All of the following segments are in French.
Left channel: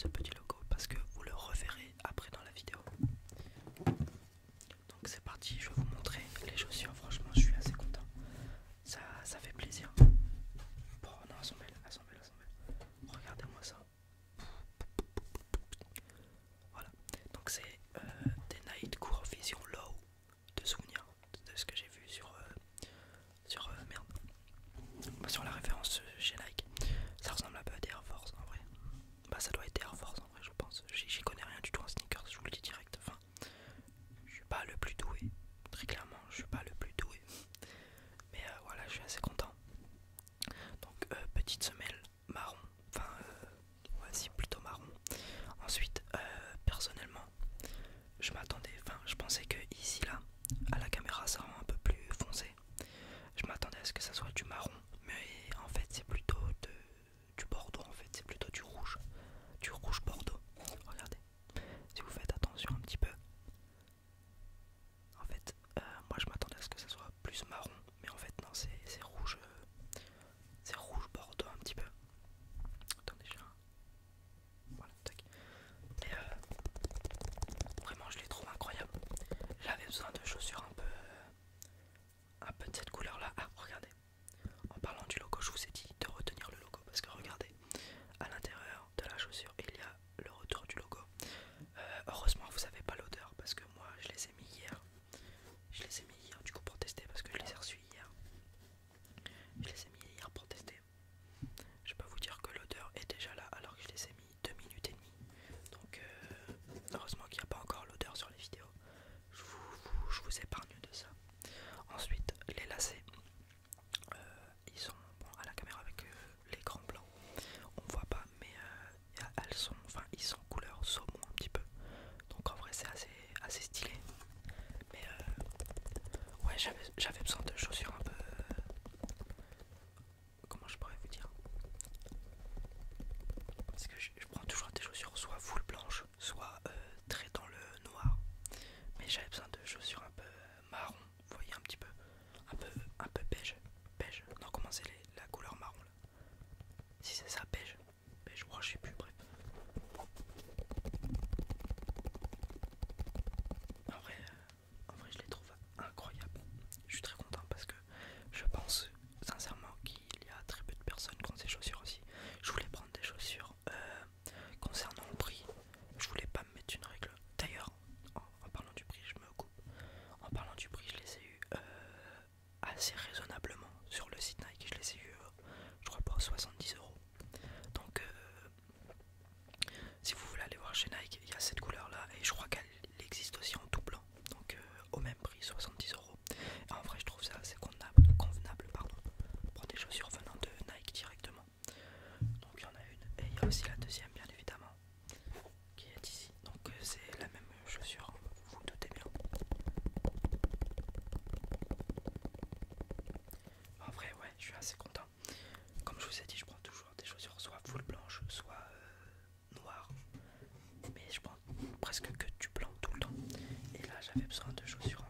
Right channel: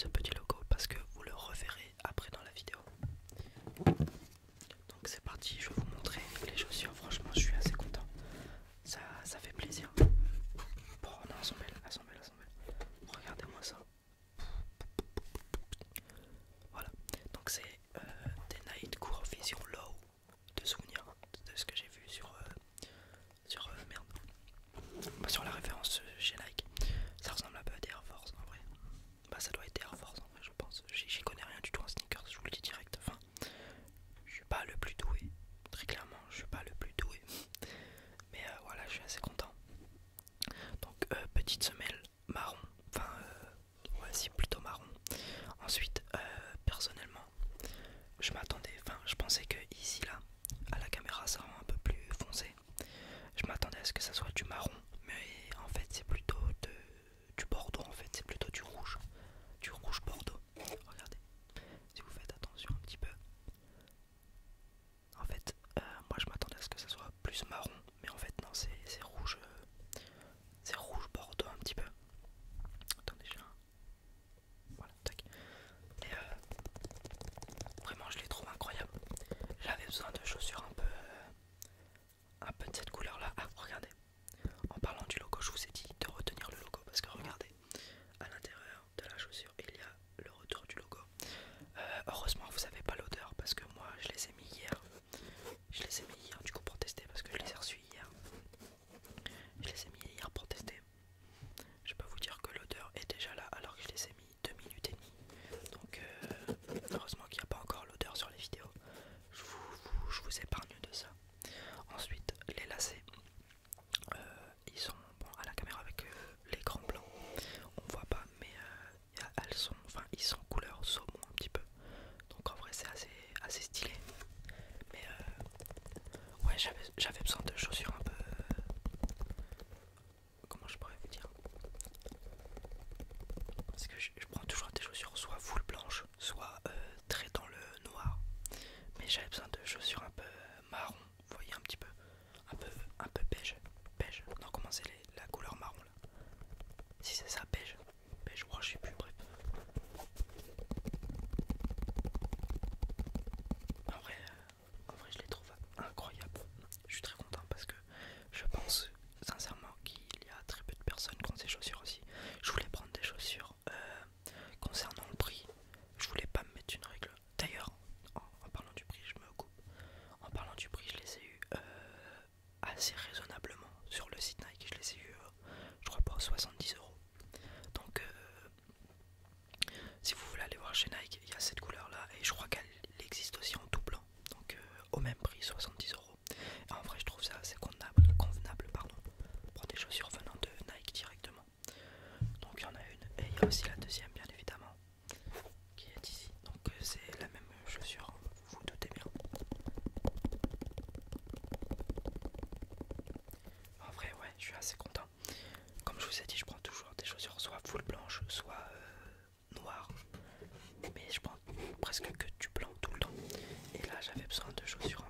ce petit logo parce que vous le reverrez après dans la vidéo. Donc c'est parti, je vais vous montrer les chaussures. Franchement, je suis assez content. Ça fait plaisir. Bon, non, elles sont belles, elles sont belles, elles sont belles. Regardez-moi ça. Voilà. Donc c'est des Night Court Vision Low de souvenirs de ce que j'ai vu merde. Bah, sur la référence chez Nike. Ça ressemble un peu à des Air Force en vrai. Bah ça doit être des Air Force en vrai je pense. J'y connais rien du tout en sneakers, je vous le dis direct. Enfin, je suis pas le plus doué. Très clairement, je suis pas le plus doué. Mais voilà, je suis assez content. Donc petite semelle marron. Enfin, ouais, si plutôt marron. Ensuite, personnellement, je m'attendais, enfin, je pensais que ici là, à la caméra, ça rend un peu plus foncé. Je m'attendais à ce que ça soit du marron, mais en fait, c'est plutôt du bordeaux. En fait, c'est plutôt du rouge bordeaux. Regardez, si vous faites attention un petit peu. En fait, moi je m'attendais à ce que ça soit plus marron, mais en fait non, c'est rouge bordeaux un petit peu. Attendez, voilà, tac. Et vraiment, je les trouve incroyables. J'avais besoin de chaussures un peu de cette couleur-là. Ah, regardez. En parlant du logo, je vous ai dit de retenir le logo parce que regardez, à l'intérieur de la chaussure, il y a le retour du logo. Heureusement, vous savez pas l'odeur parce que moi, je les ai mis hier. Je les ai mis hier du coup pour tester parce que je les ai reçus hier. Je les ai mis hier pour tester. Je peux vous dire que l'odeur est déjà là alors que je les ai mis 2 minutes et demie. Donc heureusement qu'il n'y a pas encore l'odeur sur les vidéos. Je vous épargne de ça. Ensuite, les lacets. Ils sont bon, à la caméra avec l'écran blanc. On voit pas mais ils sont couleur saumon un petit peu. Donc en vrai c'est assez stylé. Mais ouais, j'avais besoin de chaussures un peu... comment je pourrais vous dire? Parce que je prends toujours des chaussures soit full blanche, soit très dans le noir. Mais j'avais besoin de chaussures un peu marron, vous voyez un petit peu. Un peu beige. Beige. Non, comment c'est la couleur marron là? Si c'est ça, beige. Beige, oh, je sais plus, bref. En vrai, je les trouve incroyables. Je suis très content parce que je pense sincèrement qu'il y a très peu de personnes qui ont ces chaussures aussi. Je voulais prendre des chaussures concernant le prix. Je voulais pas me mettre une règle. D'ailleurs, en parlant du prix, je me coupe. En parlant du prix, je les ai eu assez raisonnablement sur le site Nike. Je les ai eu, je crois, pour 70 euros. Donc, si vous voulez aller voir chez Nike, il y a cette couleur là et je crois qu'elle existe aussi en tout blanc. Donc, au même prix, 70 euros. Et en vrai, je trouve ça assez convenable pardon, pour des chaussures venant de Nike directement. Donc, il y en a une et il y a aussi la deuxième, bien évidemment, qui est ici. Donc, c'est la même chaussure, vous vous doutez bien. En vrai, ouais, je suis assez content. Comme je vous ai dit, je prends toujours des chaussures soit full blanche, soit noires. Mais je prends presque que du blanc tout le temps. Et là, j'avais besoin de chaussures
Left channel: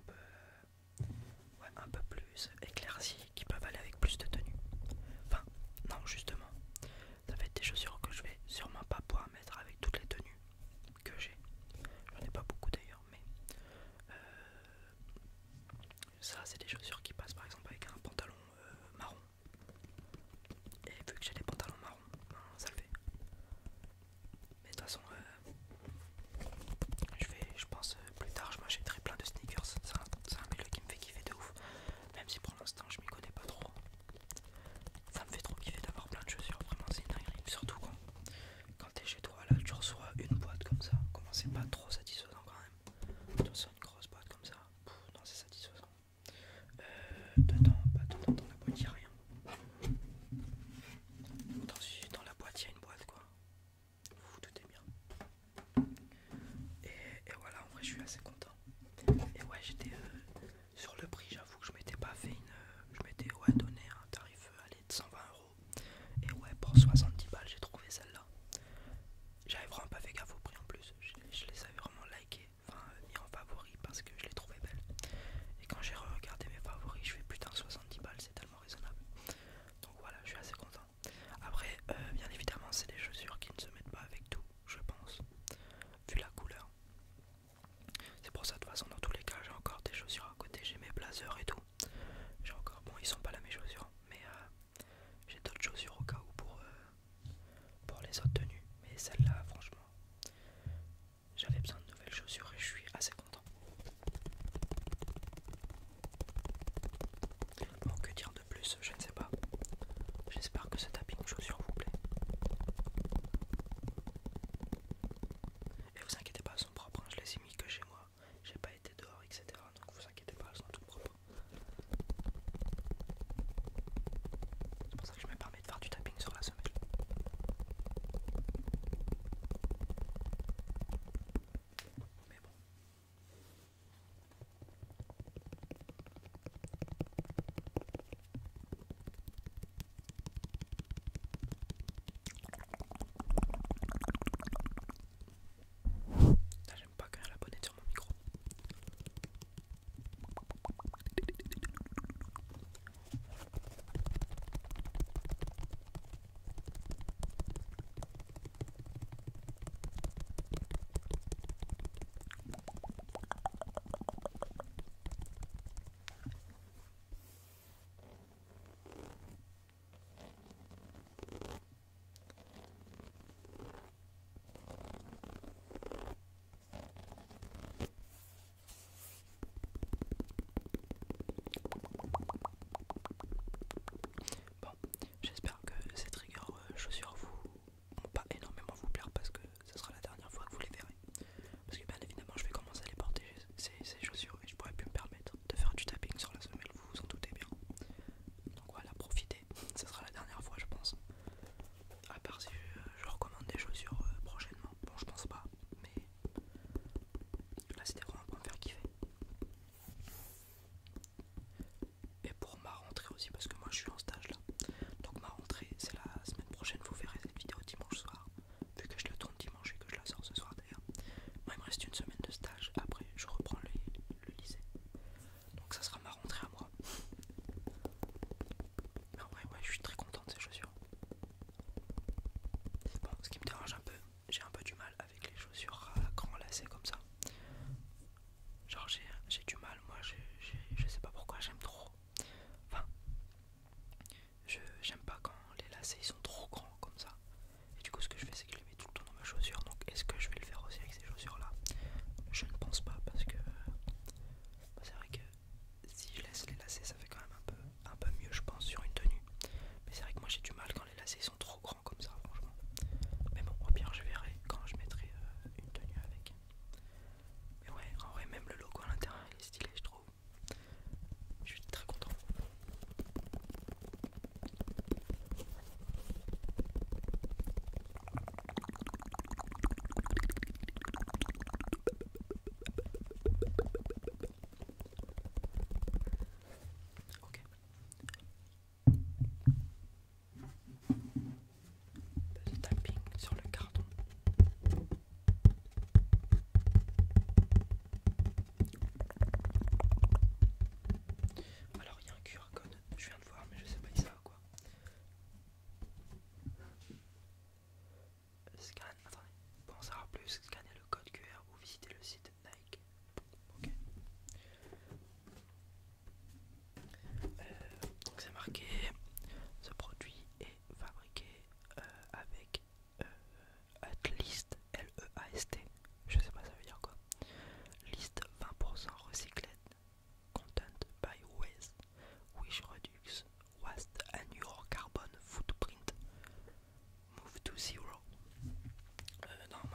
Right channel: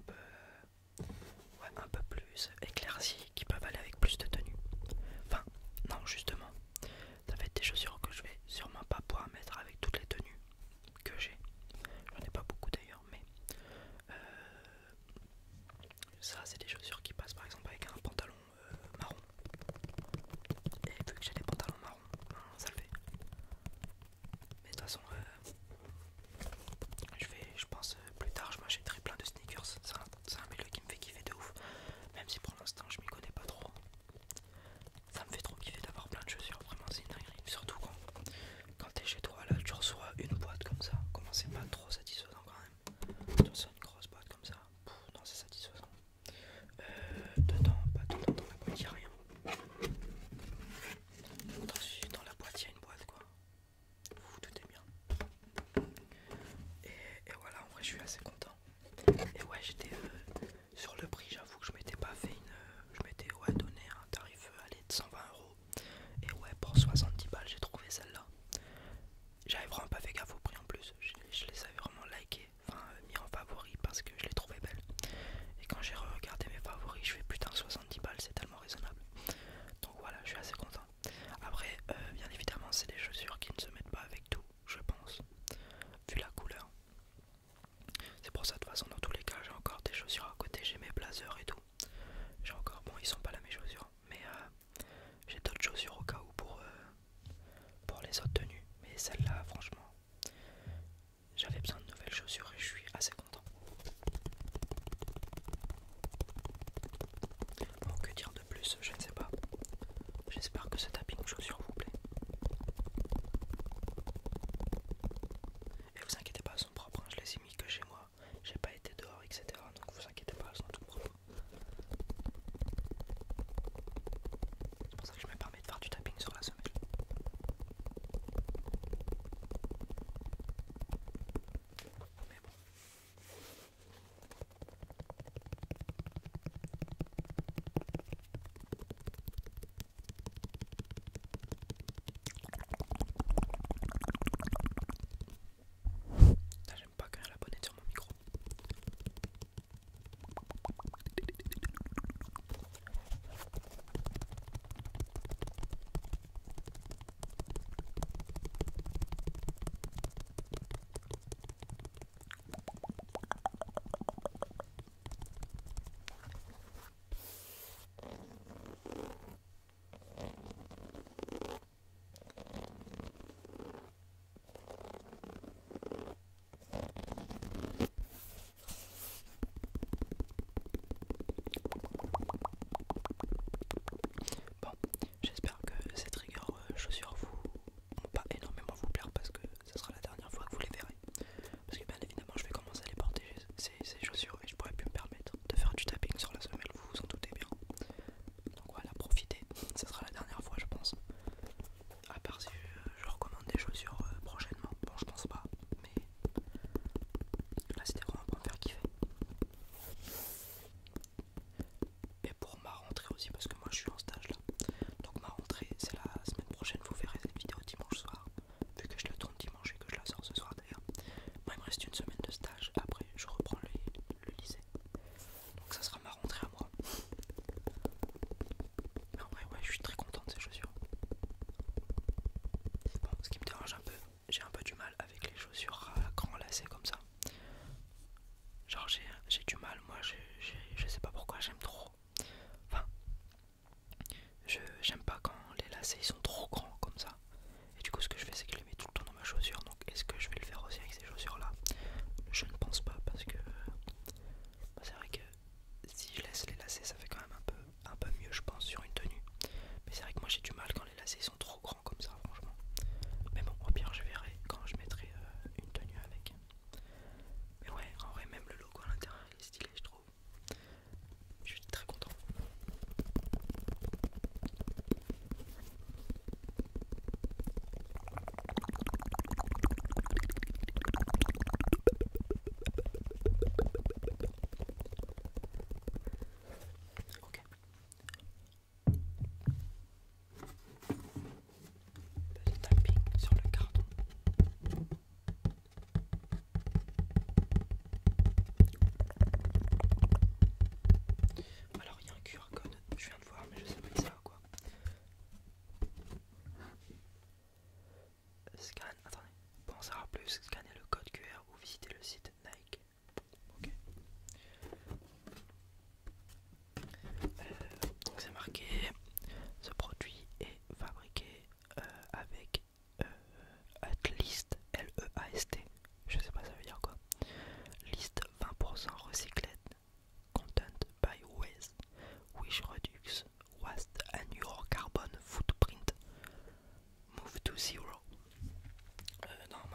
ouais, un peu plus éclaircies, qui peuvent aller avec plus de tenue. Enfin, non, justement, ça va être des chaussures que je vais sûrement pas pouvoir mettre avec toutes les tenues que j'ai. J'en ai pas beaucoup d'ailleurs, mais ça, c'est des chaussures qui passent par exemple avec un pantalon marron. Et vu que j'ai des pantalons marrons, ben, ça le fait. Mais de toute façon, je pense plus tard, je m'achèterai plein de sneakers. C'est un milieu qui me fait kiffer de ouf. Même si pour l'instant, je m'y connais pas trop. Ça me fait trop kiffer d'avoir plein de chaussures. Vraiment, c'est une dinguerie. Surtout quand t'es chez toi, là, tu reçois une boîte comme ça. Comment c'est pas trop satisfaisant quand même. Tu reçois une grosse boîte comme ça. Non, c'est satisfaisant. Pas dedans, dans la boîte, y'a rien. Dans la boîte, il y a une boîte quoi. Vous vous doutez bien. Et voilà, en vrai, je suis assez content. Et ouais, j'étais sur le prix, j'avoue que je m'étais pas fait je m'étais ouais, donné un tarif allez, de 120 euros. Et ouais, pour 70 balles, j'ai trouvé celle-là. J'avais vraiment pas fait gaffe au prix en plus. Je les avais vraiment likés, enfin mis en favori parce que je les trouvais belles. Et quand j'ai regardé mes favoris, je fais putain 70 balles, c'est tellement raisonnable. Donc voilà, je suis assez content. Après, bien évidemment, c'est des chaussures qui ne se mettent pas avec tout. Je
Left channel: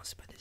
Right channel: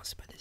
c'est pas